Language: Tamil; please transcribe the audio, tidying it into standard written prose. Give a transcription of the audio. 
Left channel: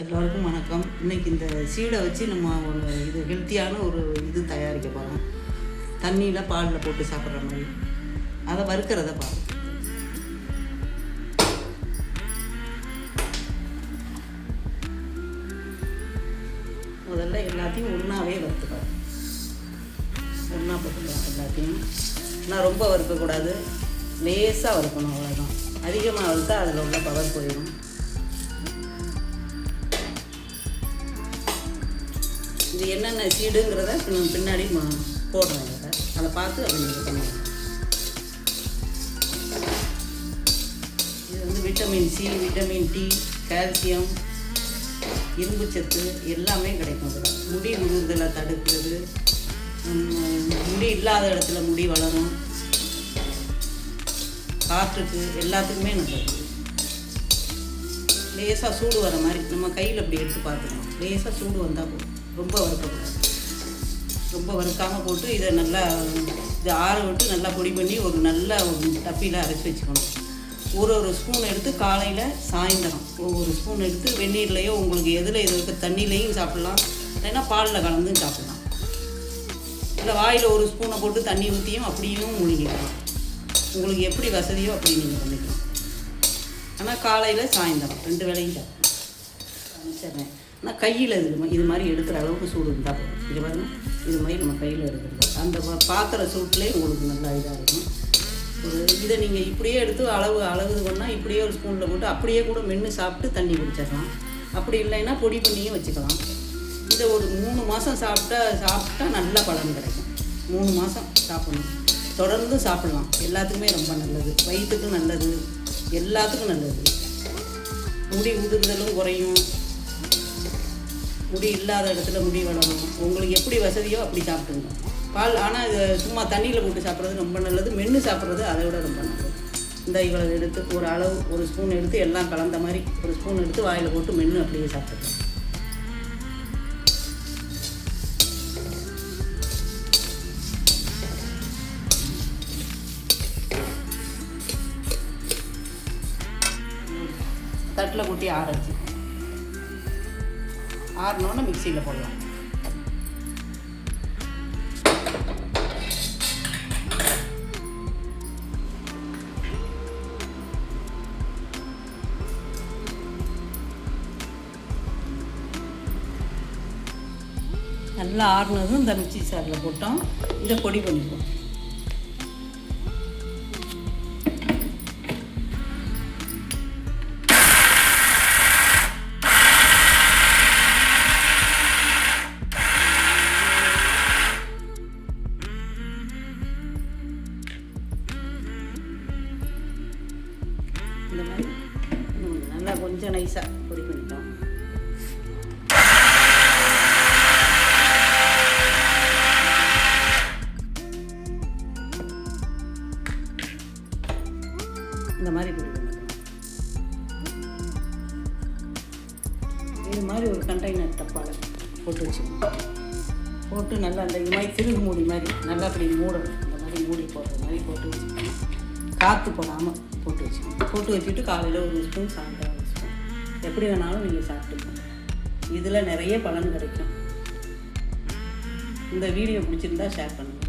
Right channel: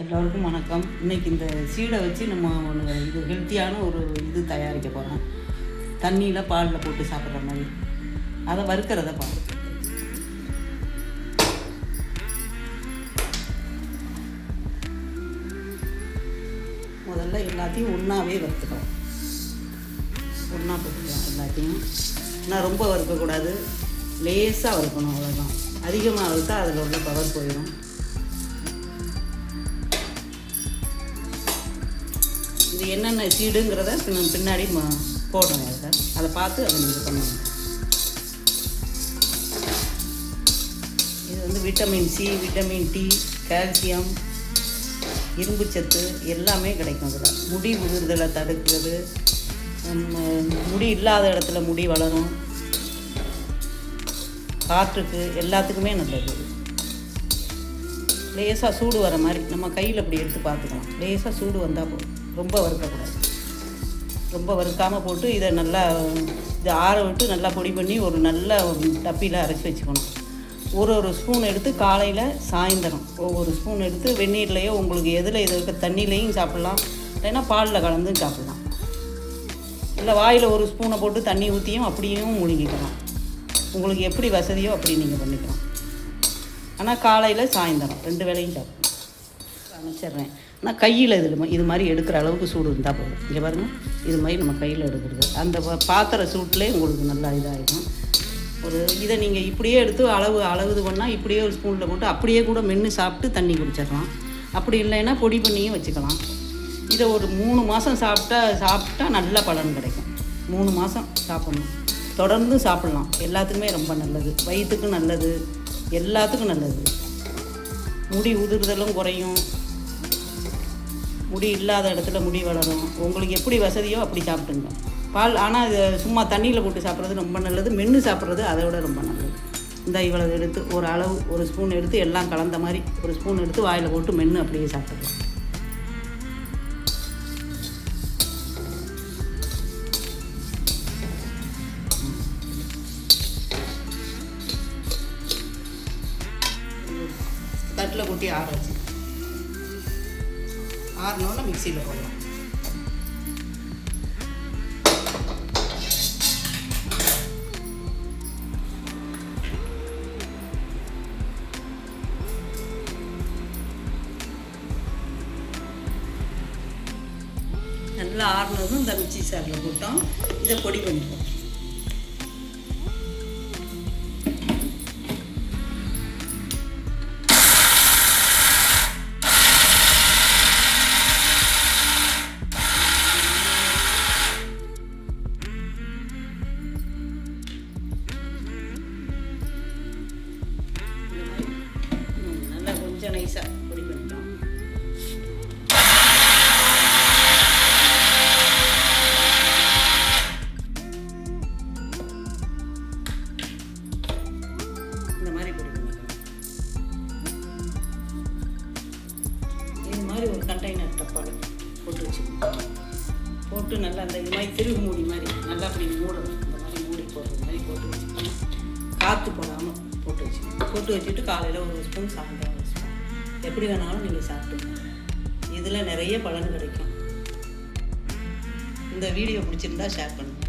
எல்லோருக்கும் வணக்கம். இன்றைக்கி இந்த சீடை வச்சு நம்ம இது ஹெல்த்தியான ஒரு இது தயாரிக்க போகிறோம். தண்ணியில் பாலில் போட்டு சாப்பிட்ற மாதிரி அதை வறுக்கிறத பார்ப்போம். முதல்ல எல்லாத்தையும் ஒன்றாவே வறுத்துக்கலாம். ஒன்றா போட்டுக்கலாம் எல்லாத்தையும். ஆனால் ரொம்ப வறுக்கக்கூடாது, லேசாக வறுக்கணும். அவ்வளோதான். அதிகமாக வறுத்தா அதில் உள்ள பவர் போயிடும். இது என்னென்ன சீடுங்கிறத பின்னாடி போடணும். அதை பார்த்து அதை நீங்கள் பண்ணணும். இது வந்து vitamin C, vitamin D, calcium, இரும்பு சத்து எல்லாமே கிடைக்கும். இதில் முடி உதிர்தலை தடுக்கிறது, முடி இல்லாத இடத்துல முடி வளரும், காற்றுக்கு எல்லாத்துக்குமே நல்லது. லேசாக சூடு வர மாதிரி நம்ம கையில் அப்படி எடுத்து பார்த்துக்கலாம். லேசாக சூடு வந்தால் போதும், ரொம்ப வறுக்கக்கூடாது. ரொம்ப வறுக்காமல் போட்டு இதை நல்லா இதை ஆற விட்டு நல்லா பொடி பண்ணி ஒரு நல்ல டப்பியில் அரைச்சி வச்சுக்கணும். ஒரு ஸ்பூன் எடுத்து காலையில் சாயந்தரம் ஒவ்வொரு ஸ்பூன் எடுத்து வெந்நீர்லேயோ உங்களுக்கு எதில் இது இருக்க தண்ணியிலையும் சாப்பிட்லாம், இல்லைன்னா பாலில் கலந்தும் சாப்பிட்லாம். இல்லை வாயில் ஒரு ஸ்பூனை போட்டு தண்ணி ஊற்றியும் அப்படியும் முழுங்கிக்கலாம். உங்களுக்கு எப்படி வசதியோ அப்படி நீங்கள் பண்ணிக்கலாம். ஆனால் காலையில் சாயந்தரம் 2 வேளையும் சாப்பிடணும். அமைச்சிட்றேன். ஆனால் கையில் இது மாதிரி எடுக்கிற அளவுக்கு சூடு இருந்தால் போதும். இங்கே பாருங்கள், இது மாதிரி நம்ம கையில் எடுக்கிறது அந்த பாத்திர சூட்டிலே உங்களுக்கு நல்லா இதாகிடும். இதை நீங்கள் இப்படியே எடுத்து அளவு பண்ணால் இப்படியே ஒரு ஸ்பூனில் போட்டு அப்படியே கூட மென்று சாப்பிட்டு தண்ணி குடிச்சிடலாம். அப்படி இல்லைன்னா பொடி பண்ணியும் வச்சுக்கலாம். இதை ஒரு 3 மாதம் சாப்பிட்டா நல்ல பலன் கிடைக்கும். 3 மாதம் சாப்பிடணும், தொடர்ந்து சாப்பிடலாம். எல்லாத்துக்குமே ரொம்ப நல்லது, வயிற்றுக்கும் நல்லது, எல்லாத்துக்கும் நல்லது. முடி உதிர்தலும் குறையும், முடி இல்லாத இடத்துல முடி வளரும். உங்களுக்கு எப்படி வசதியோ அப்படி சாப்பிட்டுங்க. பால் ஆனால் இது சும்மா தண்ணியில் போட்டு சாப்பிட்றது ரொம்ப நல்லது. மென்று சாப்பிட்றது அதை விட ரொம்ப நல்லது. இந்த இவ்வளோ எடுத்து ஒரு ஸ்பூன் எடுத்து எல்லாம் கலந்த மாதிரி ஒரு ஸ்பூன் எடுத்து வாயில் போட்டு மென்று அப்படியே சாப்பிட்றது. தட்டில் கொட்டி ஆரச்சு ஆறணுன்னு மிக்சியில் போடலாம். நல்லா ஆறினதும் இந்த மிக்சி சாரில் போட்டோம். இதை பொடி பண்ணிப்போம். நல்லா கொஞ்சம் நைஸாக பொடி பண்ணிட்டோம். இந்த மாதிரி பொடி பண்ணிட்டோம். இது மாதிரி ஒரு கண்டெய்னர் டப்பாவில் போட்டு வச்சுக்கணும். போட்டு நல்லா அந்த இது மாதிரி திரும்பு மூடி மாதிரி நல்லா அப்படி மூடணும். இந்த மாதிரி மூடி போடுறது மாதிரி போட்டு வச்சுக்கணும். காற்று போடாமல் போட்டு வச்சுட்டு காலையில் ஒரு ஸ்பூன், சாயந்தரம் ஒரு ஸ்பூன், எப்படி வேணாலும் நீங்கள் சாப்பிட்டுக்கலாம். இதில் நிறைய பலன் கிடைக்கும். இந்த வீடியோ பிடிச்சிருந்தா ஷேர் பண்ணுங்கள்.